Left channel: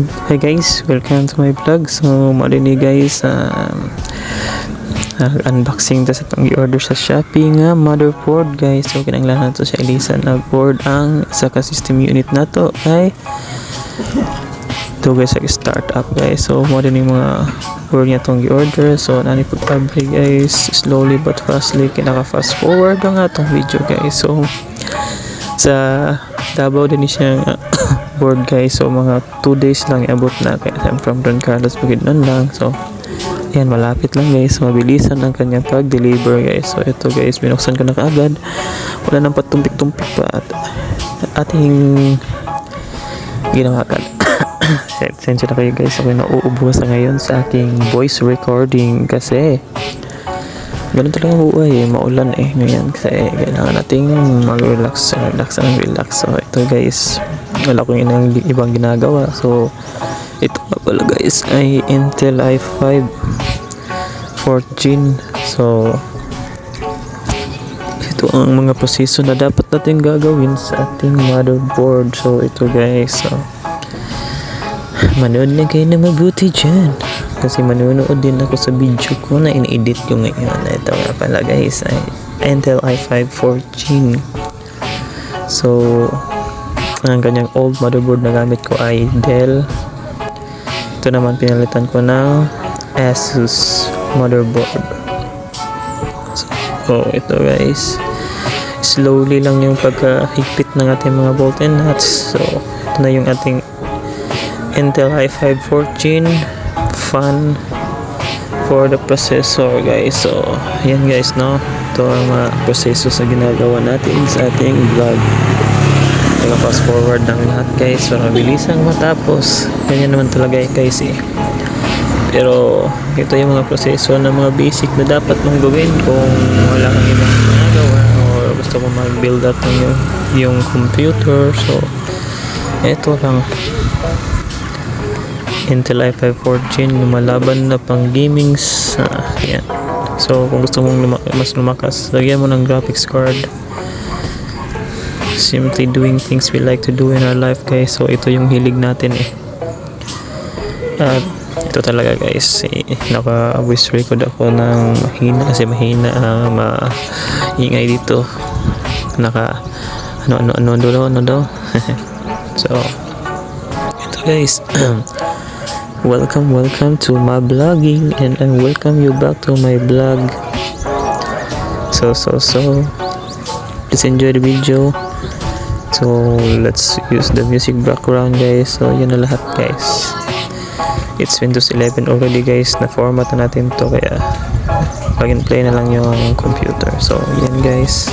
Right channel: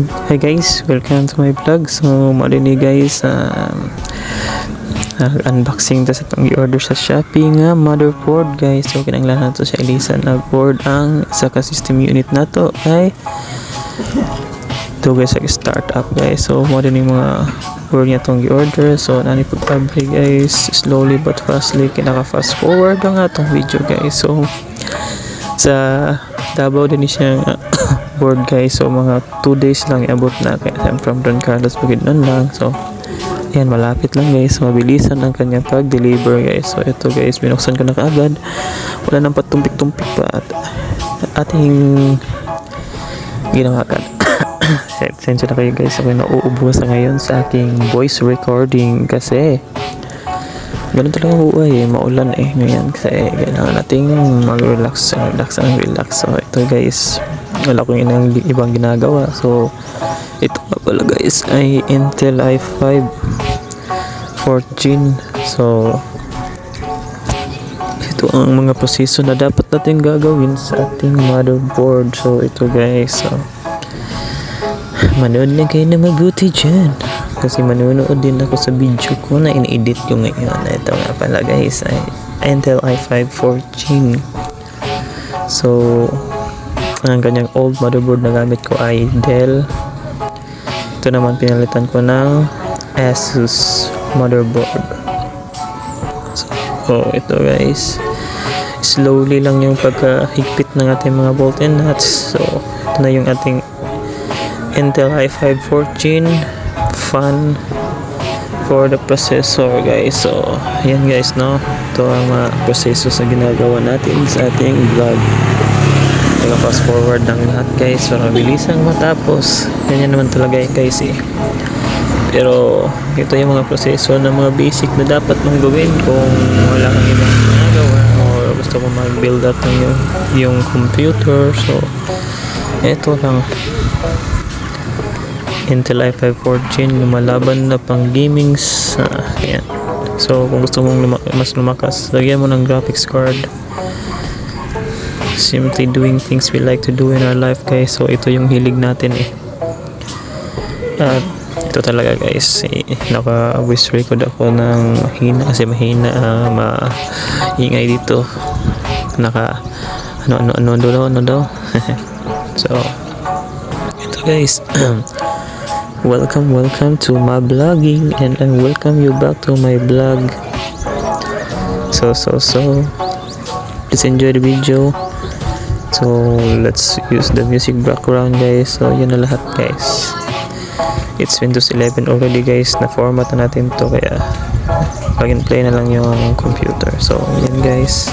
Hi guys, welcome to my vlog. So, marini guys, unboxing ta sa itong i-order sa Shopee nga motherboard guys. So, kinanglahan to sa Elisa na board ang isa ka system unit na to. Okay? Ito guys, start up guys. So, marini mga board niya itong i-order. So, nani pag-fabric guys, slowly but fastly, kinaka-fast forward ang atong video guys. So, sa Davao din siya board guys, so mga 2 days lang iabot na, kaya I'm from Don Carlos Bukidnon lang. So yan, malapit lang guys, mabilisan ang kanyang pag-deliver guys. So ito guys, binuksan ko na kaagad, wala nang patumpik-tumpik pa at ating ginawa agad. Sensya na kayo guys, ako nauubusan ngayon sa aking voice recording kasi ganun talaga buhay maulan ngayon, kasi kailangan nating mag-relax, relax. So ito guys, wala kong ibang ginagawa. So ito pala guys ay Intel i5 4th Gen. So ito ang mga proseso na dapat natin gagawin sa ating motherboard. So ito guys, so manood na kayo na mabuti dyan, kasi manunood din ako sa video ko na in-edit ko ngayon. Ito nga pala guys ay Intel i5 4th Gen. So ang kanyang old motherboard na gamit ko ay Dell. Ito naman pinalitan ko ng Asus motherboard. So ito guys, slowly lang yung pagkahigpit ng ating mga bolt and nuts. So ito na yung ating Intel i5 4th Gen fan for the processor guys. So ayan guys, no, ito ang mga proseso sa ginagawa natin sa ating vlog. Fast forward ng lahat guys para mabilisang matapos. Ganyan naman talaga guys pero ito yung mga proseso na mga basic na dapat mong gawin kung wala kang ibang ginagawa o gusto mo mag-build up ng yung computer. So ito lang, Intel i5 4th Gen, lumalaban na pang gaming yan. So kung gusto mong mas lumakas, lagyan mo ng graphics card. Simply doing things we like to do in our life guys. So ito yung hilig natin at ito talaga guys, naka-voice record ako ng mahina kasi mahina, maingay dito, naka ano daw. So ito guys, welcome to my vlogging, and I welcome you back to my vlog. So please enjoy the video. So let's use the music background guys. So yun na lahat guys, it's Windows 11 already guys, na format na natin to, kaya plug and play na lang yung computer. So yan guys.